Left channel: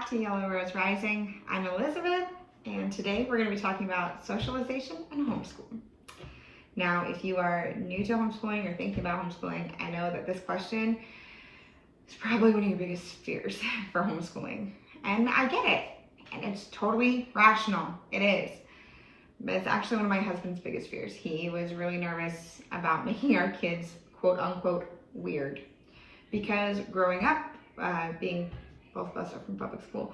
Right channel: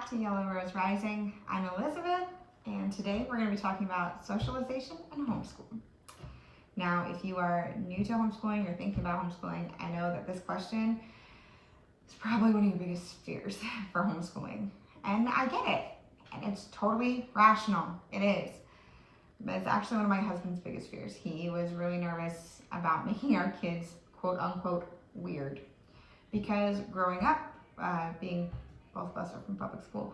back to Yellow Rose Rising. I'm Elizabeth, and today we're going to be talking about socialization and homeschooling. Now, if you are new to homeschooling or thinking about homeschooling, I know that this question is probably one of your biggest fears for homeschooling. And I get it, and it's totally rational. It is. But it's actually one of my husband's biggest fears. He was really nervous about making our kids, quote unquote, weird. Because growing up, being both of us are from public school,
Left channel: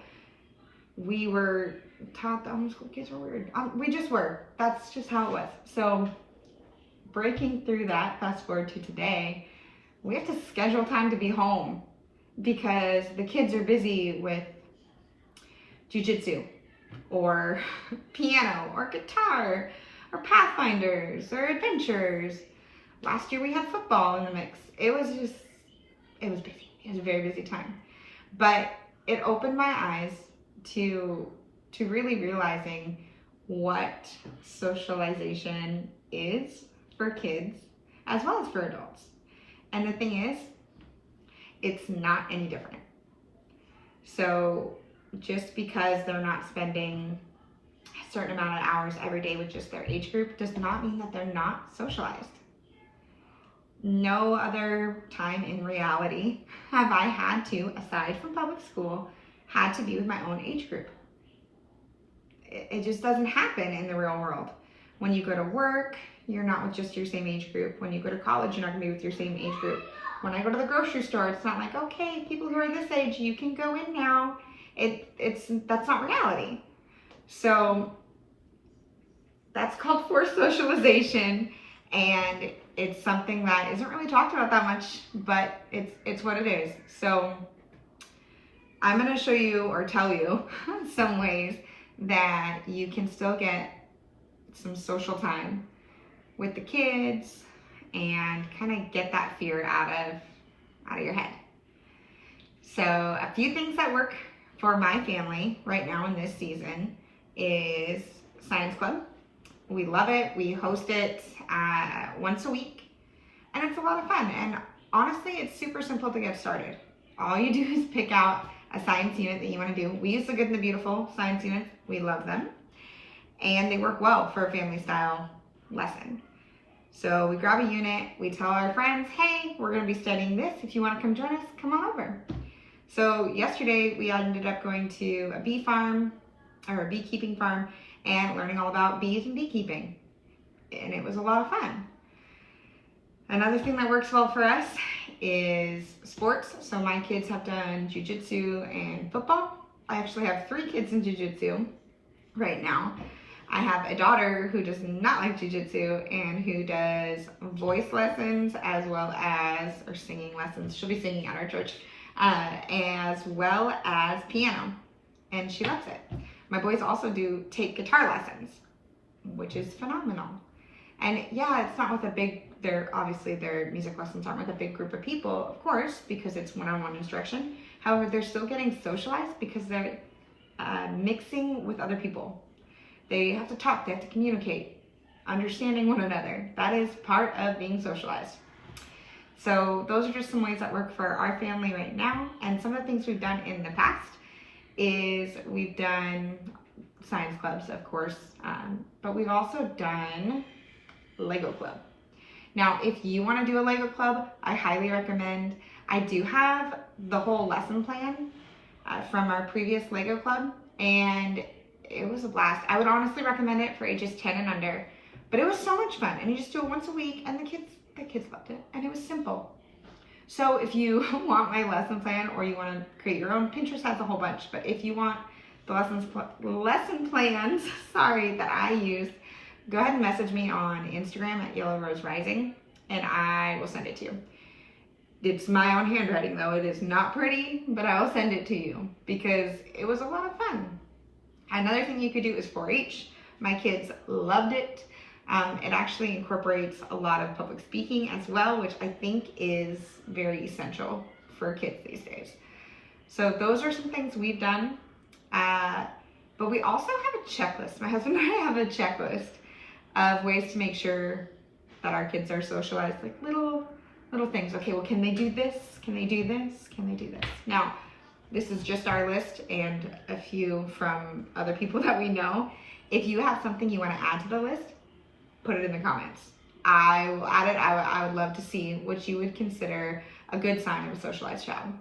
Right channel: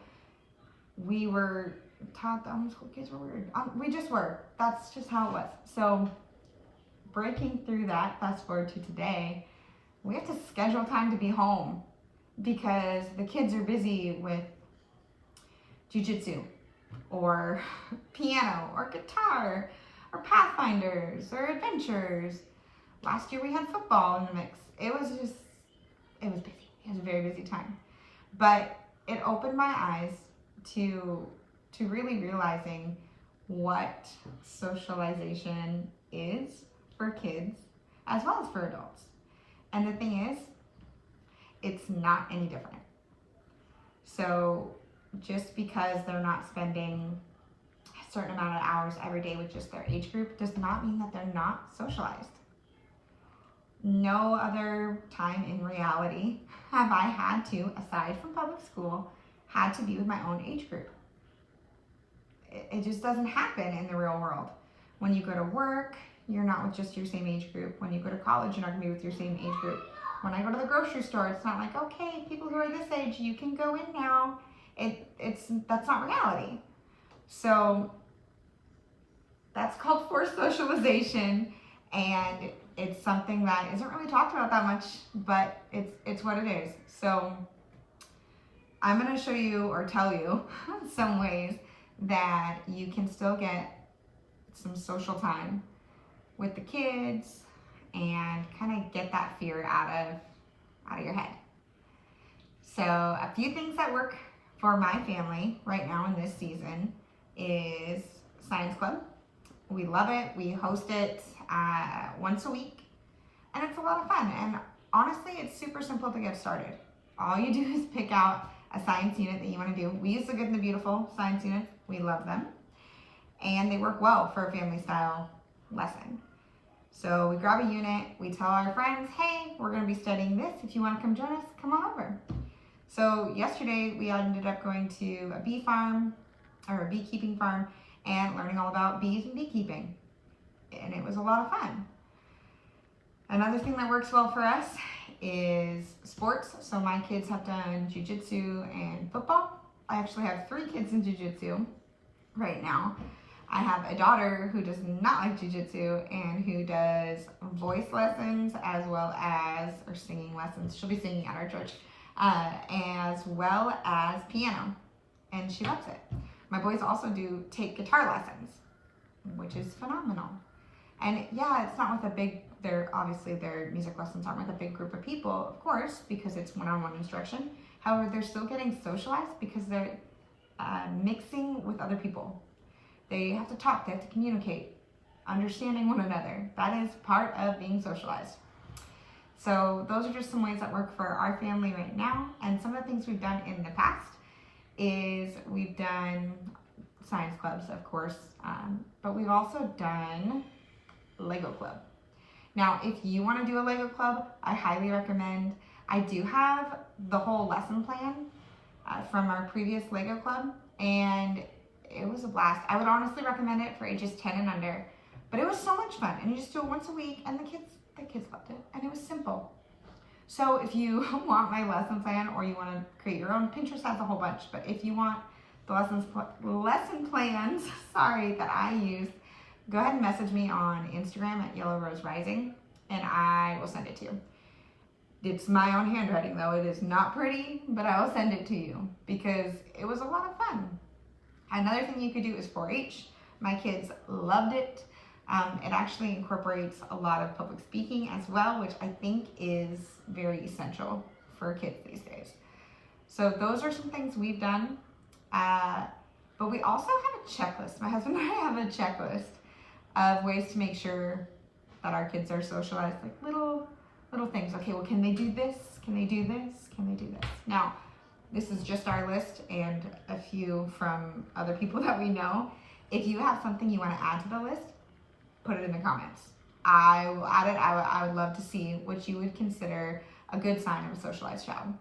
we were taught that homeschool kids were weird. We just were. That's just how it was. So breaking through that, fast forward to today, we have to schedule time to be home because the kids are busy with jiu-jitsu or piano or guitar or pathfinders or adventures. Last year we had football in the mix. It was busy. It was a very busy time. But it opened my eyes to really realizing what socialization is for kids as well as for adults. And the thing is, it's not any different. So just because they're not spending a certain amount of hours every day with just their age group does not mean that they're not socialized. No other time in reality have I had to, aside from public school, had to be with my own age group. It just doesn't happen in the real world. When you go to work, you're not with just your same age group. When you go to college, you're not gonna be with your same age group. When I go to the grocery store, it's not like, okay, people who are this age, you can go in now. That's not reality. So that's called forced socialization, and it's something that isn't really talked about that much, but it's what it is. So I'm gonna show you or tell you some ways that you can still get some social time with the kids and kind of get that fear out of your head. So a few things that work for my family right now in this season is science club. We love it. We host it once a week, and it's a lot of fun. And honestly, it's super simple to get started. All you do is pick out a science unit that you want to do. We use the Good and the Beautiful science units. We love them, and they work well for a family style lesson. So we grab a unit, we tell our friends, hey, we're going to be studying this. If you want to come join us, come on over. So yesterday we ended up going to a bee farm or a beekeeping farm and learning all about bees and beekeeping. And it was a lot of fun. Another thing that works well for us is sports. So my kids have done jiu-jitsu and football. I actually have 3 kids in jiu-jitsu right now. I have a daughter who does not like jiu-jitsu and who does voice lessons as well as, or singing lessons. She'll be singing at our church, as well as piano. And she loves it. My boys also take guitar lessons, which is phenomenal. And yeah, it's not with their music lessons aren't with a big group of people, of course, because it's one-on-one instruction. However, they're still getting socialized because they're mixing with other people. They have to talk, they have to communicate, understanding one another. That is part of being socialized. So those are just some ways that work for our family right now. And some of the things we've done in the past is we've done science clubs, of course, but we've also done Lego club. Now, if you want to do a Lego club, I highly recommend. I do have the whole lesson plan from our previous Lego club, and it was a blast. I would honestly recommend it for ages 10 and under, but it was so much fun, and you just do it once a week, and the kids loved it, and it was simple. So if you want my lesson plan or you want to create your own, Pinterest has a whole bunch, but if you want the lesson plans, that I use, go ahead and message me on Instagram at Yellow Rose Rising, and I will send it to you. It's my own handwriting though. It is not pretty, but I will send it to you because it was a lot of fun. Another thing you could do is 4-H. My kids loved it. It actually incorporates a lot of public speaking as well, which I think is very essential for kids these days. So those are some things we've done. But we also have a checklist. My husband and I have a checklist of ways to make sure that our kids are socialized, like little things. Okay, well, can they do this? Can they do this? Can they do this? Now, this is just our list and a few from other people that we know. If you have something you want to add to the list, put it in the comments. I will add it. I would love to see what you would consider a good sign of a socialized child.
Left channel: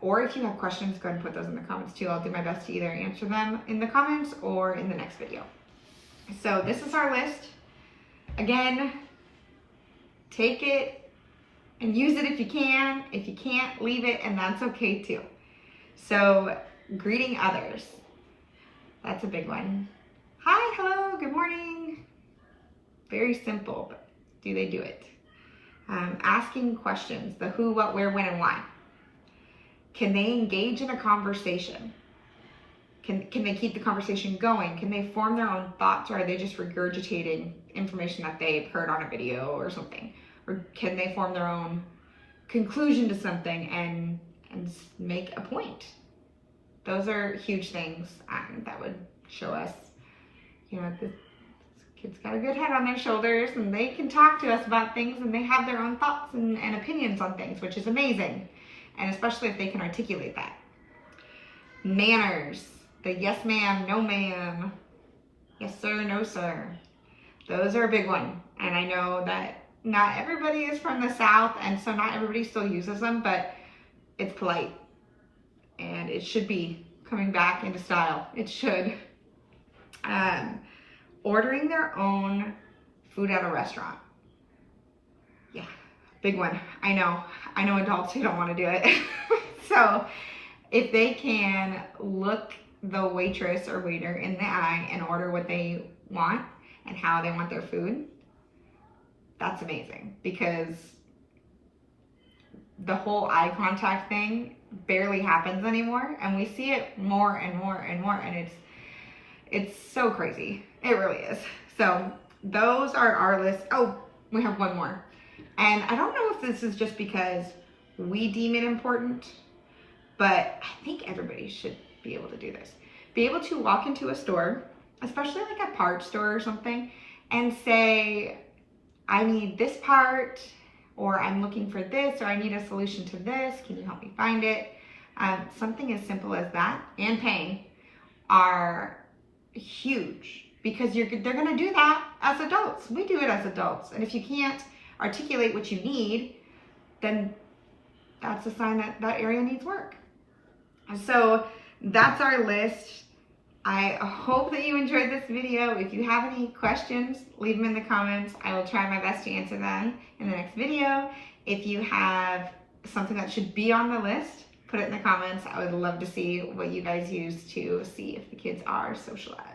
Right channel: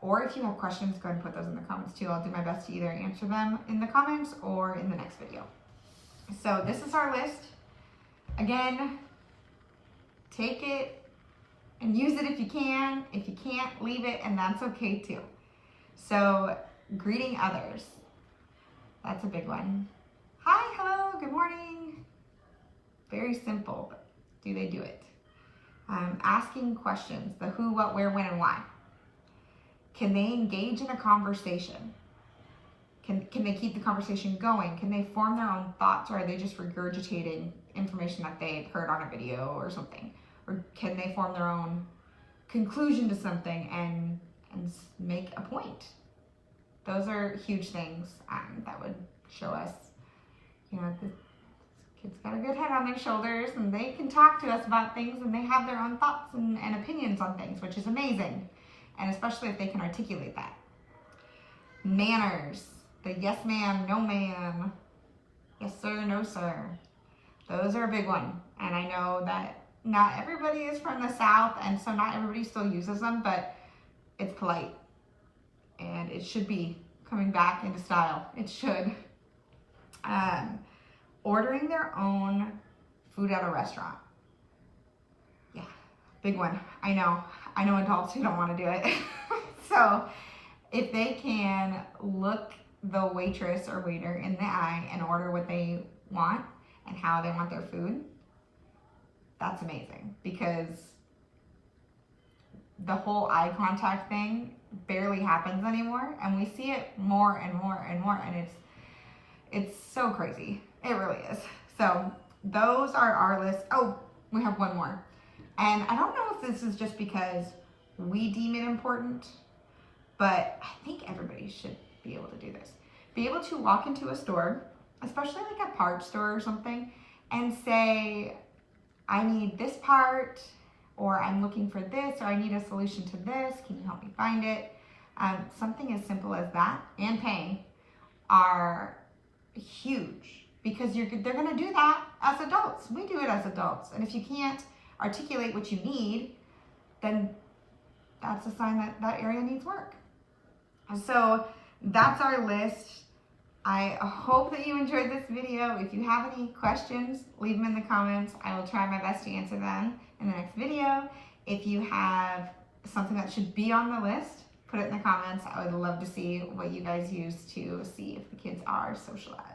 Or if you have questions, go ahead and put those in the comments too. I'll do my best to either answer them in the comments or in the next video. So this is our list. Again, take it and use it if you can. If you can't, leave it, and that's okay too. So greeting others. That's a big one. Hi, hello, good morning. Very simple, but do they do it? Asking questions, the who, what, where, when, and why. Can they engage in a conversation? Can they keep the conversation going? Can they form their own thoughts, or are they just regurgitating information that they've heard on a video or something? Or can they form their own conclusion to something and make a point? Those are huge things that would show us, this kid's got a good head on their shoulders and they can talk to us about things and they have their own thoughts and opinions on things, which is amazing. And especially if they can articulate that. Manners, the yes ma'am, no ma'am, yes sir, no sir. Those are a big one. And I know that not everybody is from the South, and so not everybody still uses them, but it's polite. And it should be coming back into style. It should. Ordering their own food at a restaurant. Yeah, big one. I know adults who don't want to do it. So if they can look the waitress or waiter in the eye and order what they want and how they want their food, that's amazing, because the whole eye contact thing barely happens anymore, and we see it more and more and more, and it's so crazy. It really is. So those are our list. Oh, we have one more. And I don't know if this is just because we deem it important, but I think everybody should be able to do this. Be able to walk into a store, especially like a part store or something, and say, I need this part, or I'm looking for this, or I need a solution to this. Can you help me find it? Something as simple as that and paying are huge, because they're going to do that as adults. We do it as adults. And if you can't articulate what you need, then that's a sign that that area needs work. And so that's our list. I hope that you enjoyed this video. If you have any questions, leave them in the comments. I will try my best to answer them in the next video. If you have something that should be on the list, put it in the comments. I would love to see what you guys use to see if the kids are socialized.